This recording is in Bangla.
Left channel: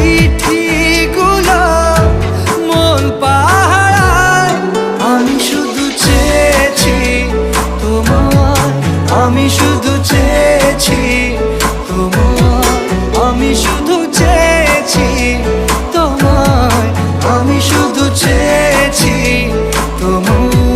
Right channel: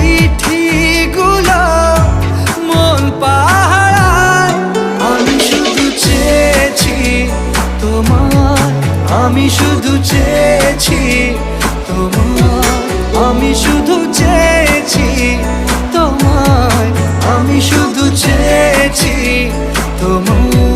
চিঠিগুলো মন পাহারায়। আমি শুধু চেয়েছি তোমায়, আমি শুধু চেয়েছি তোমায়, আমি শুধু চেয়েছি তোমায়, আমি শুধু চেয়েছি তোমায়।